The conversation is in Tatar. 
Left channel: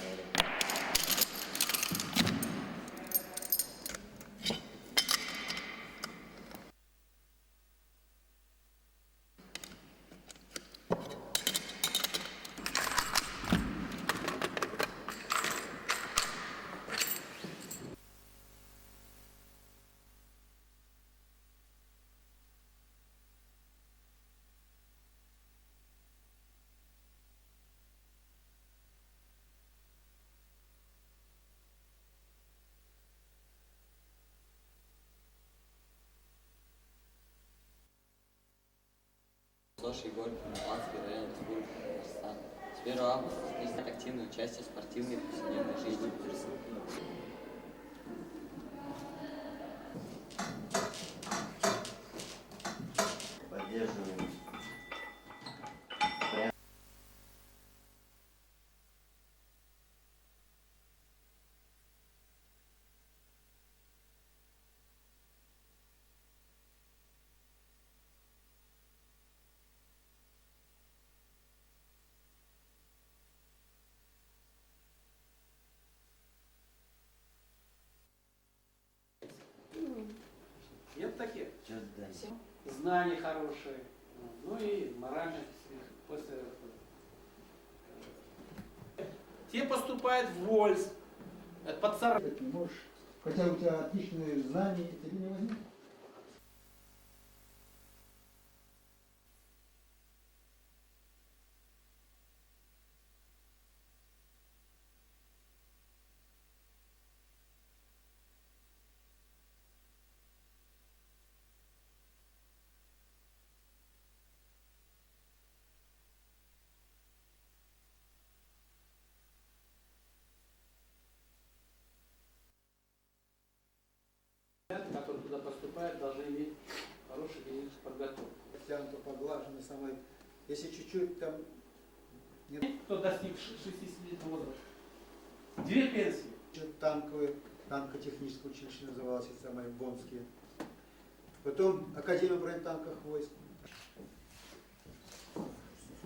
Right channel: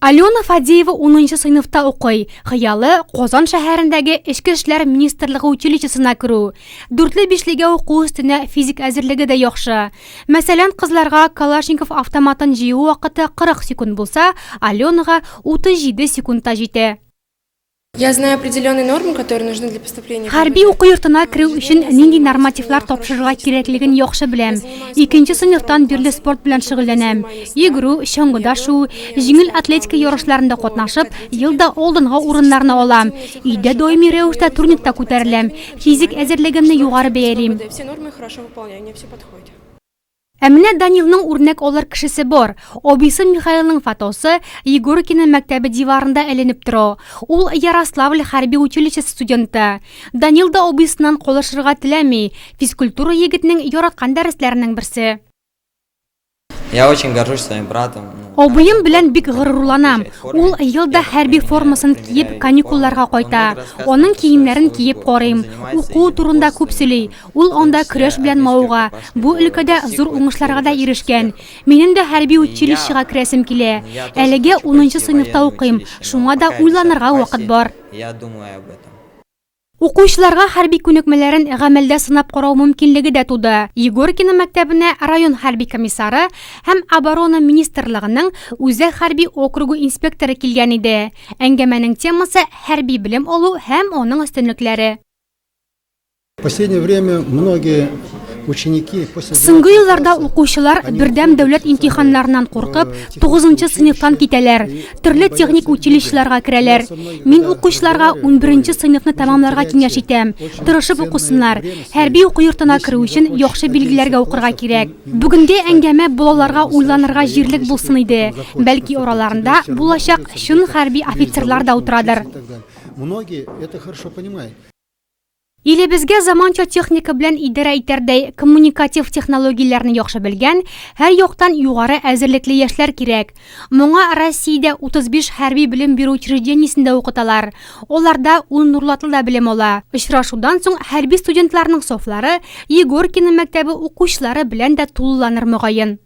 Алена Фадеева 10 сыйныфта укый. Хыялы Казан шәһәрендәге Эчке эшләр министрлыгы училищесына керү. 4-5-легә уку өстенә физик әзерлеге дә яхшы. Мәсәлән, кызларга Калашников автоматын җыю вакыты 40 секунд булса, Аленага 37 секундта җитә. Я знаю определенные нормы, которые нужны для поступления. Хәрби уку йортына керү өчен нинди нормативлар тапшырырга кирәклеген яхшы беләм. 2нче сыйныфтан бирле спорт белән шөгыльләнәм. Йөгерү, чаңгыда шу, җиңел атлетика ярышларында катнашып, елда алдынгы урыннарны алам. Өйдә даими рәвештә турникта күтәреләм. Физик әзерлегемне югары бәялим. Все нормы хорошо выполняю, мне все подходит. Әмінә Данилның үрнәк алыр кешесе бар. Обисы Михаилның фотосы Егоркина мәктәбе диварында эленеп тора. Ул Ярославль хәрби училищесы студенты. Данил да обисыннан калышырга теләми. Физкультура егетнең яраткан дәресләренең берсе. Я очень горжусь своим братом. Абыем белән бик горурланам. Ул елда хәрби формасын киеп каникулларга кайта. Аның киемнәрен киеп карыйм. Уку турында күп сөйли. Ул анда көрәш белән мавыга. Бу өлкәдә зур уңышларга да ирешкән. Минем дә хәрби училищега керәсем килә. Әлегә 10нчы сыйныфта укыйм. Шуңа да уйланырга вакыт бар. Я думаю об этом. Укучыларга хәрби күнекмәләрен гамәлдә сынап карау мөмкинлеге дә туды. Егоркина мәктәбенә район хәрби комиссары һәм оборона министрлыгының үзәк хәрби округы инспекторы килгән иде. Әңгәмәнең темасы хәрби белем алу һәм аның өстенлекләре. В последнее время многие ученики Соңгы елларда укучылар бердәм дәүләт имтиханнарыннан куркып, 9нчы сыйныфтан китәләр. Төрле техник училищеларга керәләр. Мин укучыларга 11нче сыйныфны тәмамларга киңәш итәм. Тырышып укысыннар. Хәрби уку йортына керү өчен яхшы билгеләргә укырга кирәк. Бүгенге әңгәмә балаларга уйланырга җирлек булсын иде. Бәлки араларында булачак чын хәрби офицерлар да утырадыр. Многие это хорошо понимают. Илебезгә заманча техника белән идара итәрдәй коммуникатив технологияләрне яхшы белгән, һәр яктан югары әзерлекле яшьләр кирәк. Моңа Россиядә 35 хәрби белем бирү учреждениесендә укыталар. Аларда нурлатлы да белем ала. Очрашудан соң хәрби студентларның сафлары Егоркина мәктәбе укучылары белән дә тулыланыр мөгаен.